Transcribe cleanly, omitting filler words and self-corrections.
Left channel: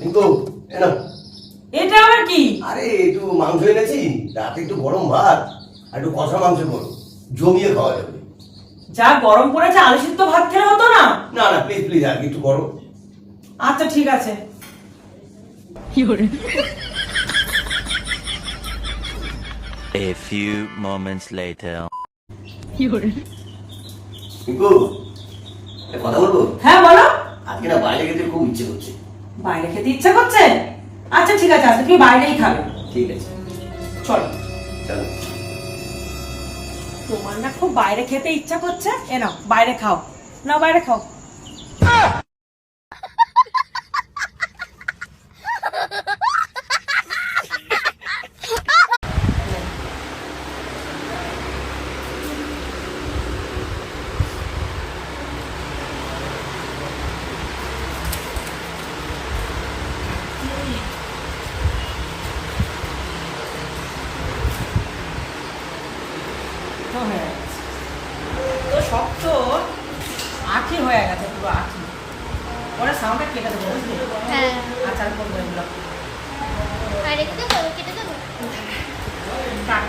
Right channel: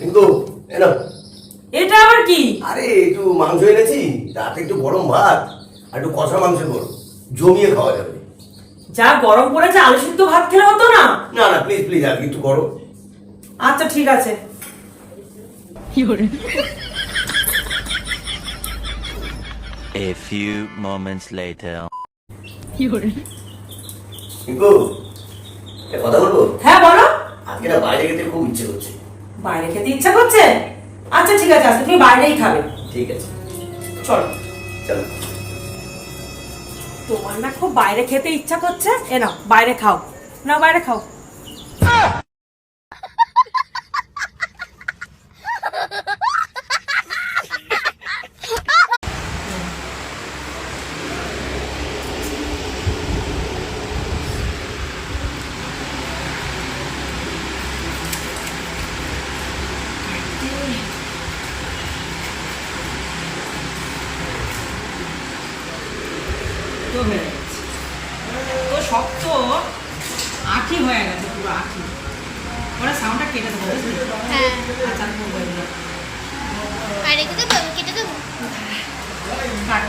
কিন্তু এনো এটা আবার কি? আরে একটু মাংস এনেছি, রাতে একটু গরম ভাত আর একটু কষা মাংস করো, জমিয়ে খাওয়া যাবে। যা গরম পড়েছে আলু সিদ্ধ ভাত খেলে হতো না? না না প্লিজ প্লিজ, আর কিছু করো। আচ্ছা ঠিক আছে। A few moments later. কিন্তু কথা বলবো? হ্যাঁ বলো। আজকে না বাইরে খেতে খুব ইচ্ছে করছে। বাইরে খেতে ইচ্ছা করছে? আচ্ছা ঠিক আছে, আজকে তুমি বাইরেই খাবে। ঠিক আছে চলো। চলো। তোমার না খুব বাইরে খেতে ইচ্ছা করছে, এ নাও বাইরে খাও, নাও বাইরে খাও। তো শক্ত আঠি হয়ে গেছে, পুরো আঠি। ওরা সাউন্ডটা কেটে দেবো, বুঝলি? হ্যাঁ, আচ্ছা আমি করবো এগুলো। আর রেখে দেবো, কেটে দেবো। কাট।